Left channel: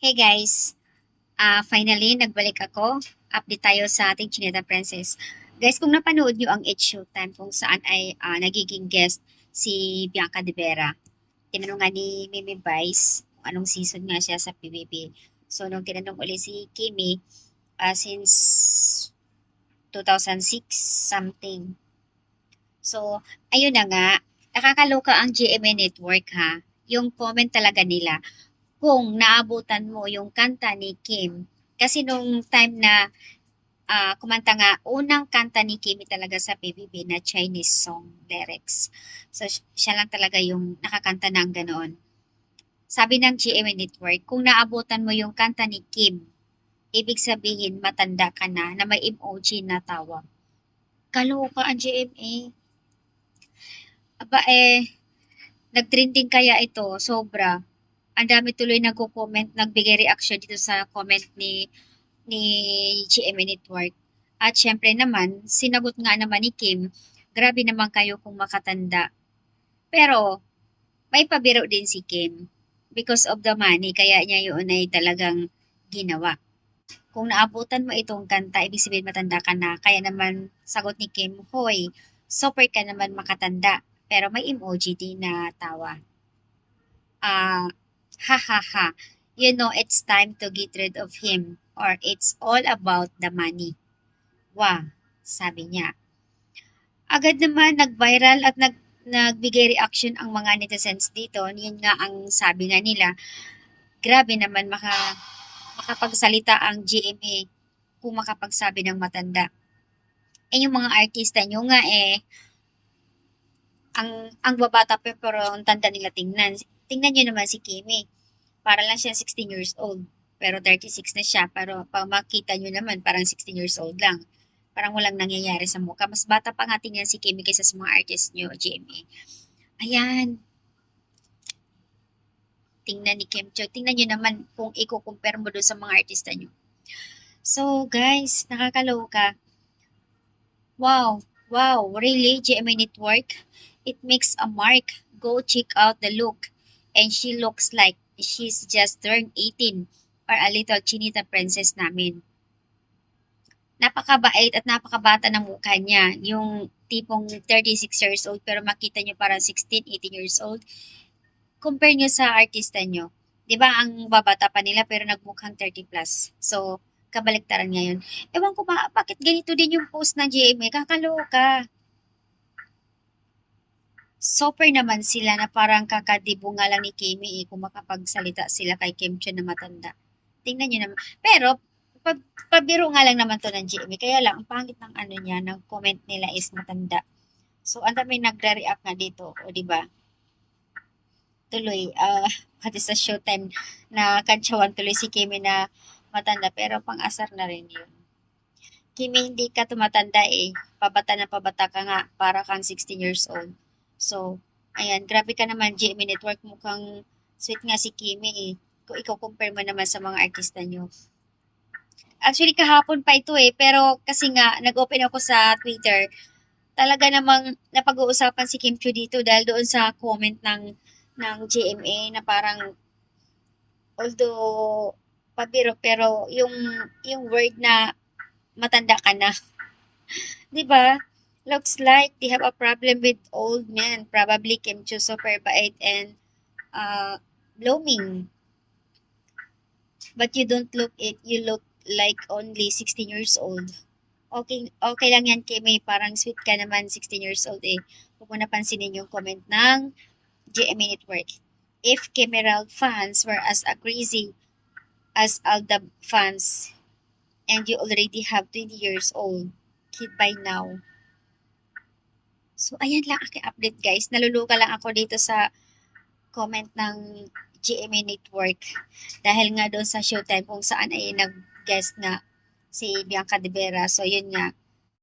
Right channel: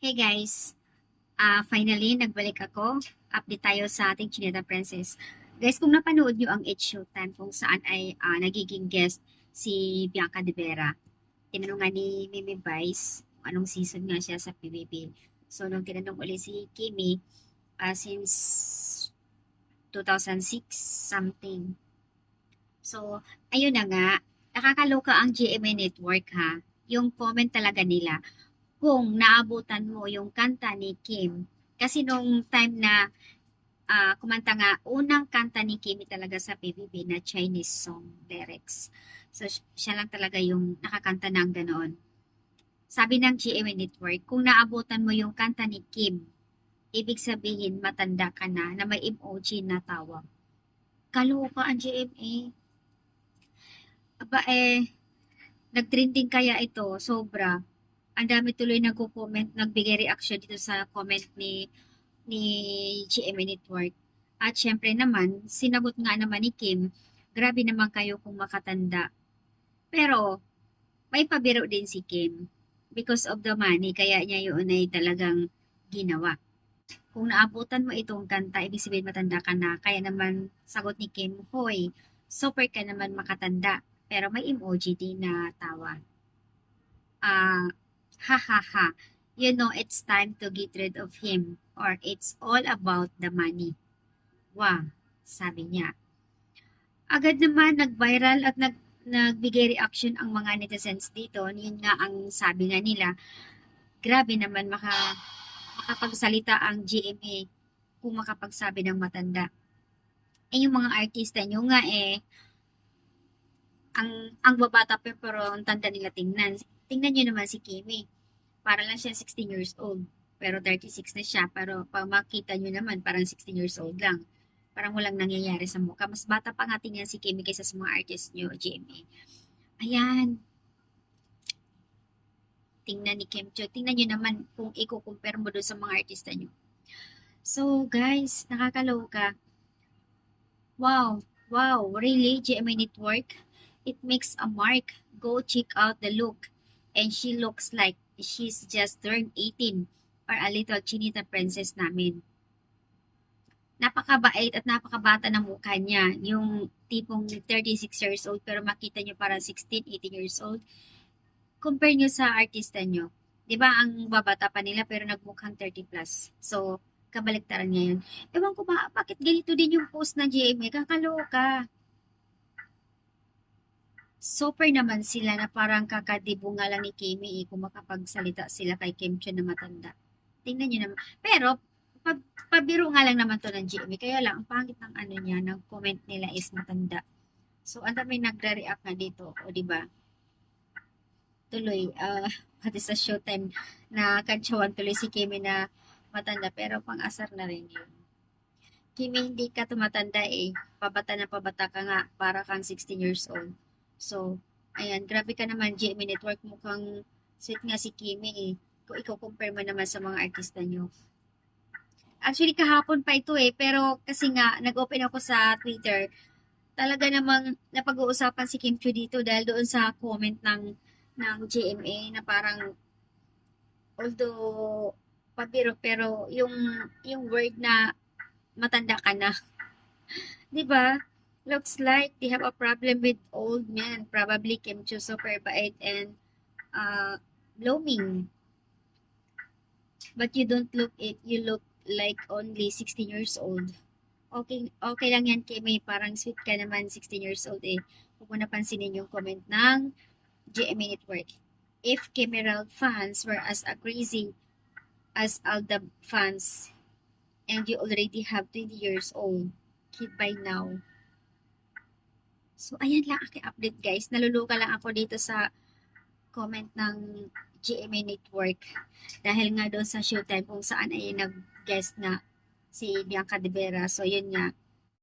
Hey guys, finally nagbalik ako. Update tayo sa ating Chinita Princess. Guys, kung napanood nyo ang It's Showtime kung saan ay nagiging guest si Bianca De Vera, tinanong nga ni Mimi Vice kung anong season nga siya sa PBB. So, nung tinanong ulit si Kimi, since 2006 something. So, ayun na nga, nakakaloka ang GMA Network ha. Yung comment talaga nila kung naabutan mo yung kanta ni Kim. Kasi nung time na kumanta nga, unang kanta ni Kimi talaga sa PBB na Chinese song lyrics. So, siya lang talaga yung nakakanta ng ganoon. Sabi ng GMA Network, kung naabutan mo yung kanta ni Kim, ibig sabihin matanda ka na may emoji na tawa. Kaloka ang GMA. Aba nagtrending kaya ito, sobra. Ang dami tuloy nagko-comment, nagbigay reaction dito sa comment ni GMA Network. At syempre naman, sinagot nga naman ni Kim, grabe naman kayo kung makatanda. Pero may pabiro din si Kim because of the money, kaya niya yun ay talagang ginawa. Kung naabutan mo itong kanta, ibig sabihin matanda ka na. Kaya naman, sagot ni Kim, hoy, super ka naman makatanda. Pero may emoji din na tawa. Ha ha ha, you know it's time to get rid of him or it's all about the money. Wah, sabi niya. Agad naman nag-viral at nagbigay reaction ang mga netizens dito. Yun nga ang sabi nga nila, grabe naman makapagsalita ang GMA kung makapagsabi ng matanda. Eh yung mga artista nyo nga ang babata pa pero ang tanda nila tingnan. Tingnan nyo naman si Kimi. Para lang siya 16 years old. Pero 36 na siya. Pero pag makita nyo naman, parang 16 years old lang. Parang walang nangyayari sa mukha. Mas bata pa nga tingnan si Kimi kaysa sa mga artist nyo, GMA. Ayan. Tingnan ni Kim Cho. Tingnan nyo naman kung i-compare mo doon sa mga artista nyo. So, guys, nakakaloka. Wow. Wow. Really? GMA Network? It makes a mark. Go check out the look. And she looks like she's just turned 18 or a little chinita princess namin. Napakabait at napakabata ng mukha niya. Yung tipong 36 years old pero makita niyo parang 16, 18 years old. Compare niyo sa artista niyo. 'Di ba ang babata pa nila pero nagmukhang 30 plus. So, kabaliktaran ngayon. Ewan ko ba, bakit ganito din yung post ng GMA? Kakaloka. Super naman sila na parang kakadibunga lang ni Kimi kung makapagsalita sila kay Kim Chiu na matanda. Tingnan nyo naman. Pero, pabiro nga lang naman to ng GMA. Kaya lang, ang pangit ng ano niya, ng comment nila is matanda. So, ang dami nagre-react nga dito. O, di ba? Tuloy, pati sa showtime na kantsawan tuloy si Kimi na matanda. Pero pang-asar na rin yun. Kimi, hindi ka tumatanda Pabata na pabata ka nga. Para kang 16 years old. So, ayan, grabe ka naman, GMA Network. Mukhang sweet nga si Kimi Kung ikaw compare mo naman sa mga artista nyo. Actually, kahapon pa ito pero kasi nga, nag-open ako sa Twitter. Talaga namang napag-uusapan si Kim Chiu dito dahil doon sa comment ng GMA na parang, although, pabiro, pero yung word na matanda ka na. 'Di ba? Looks like they have a problem with old men. Probably Kim Chiu super bait and blooming. But you don't look it. You look like only 16 years old. Okay, okay lang yan, Kimmy. Parang sweet ka naman, 16 years old Huwag mo napansinin yung comment ng GMA Network. If Kemerald fans were as crazy as Aldab fans and you already have 20 years old kid by now. So, ayan lang aking update guys. Naluluka lang ako dito sa comment ng GMA Network dahil nga doon sa showtime kung saan ay nag-guest nga si Bianca De Vera. So, yun nga.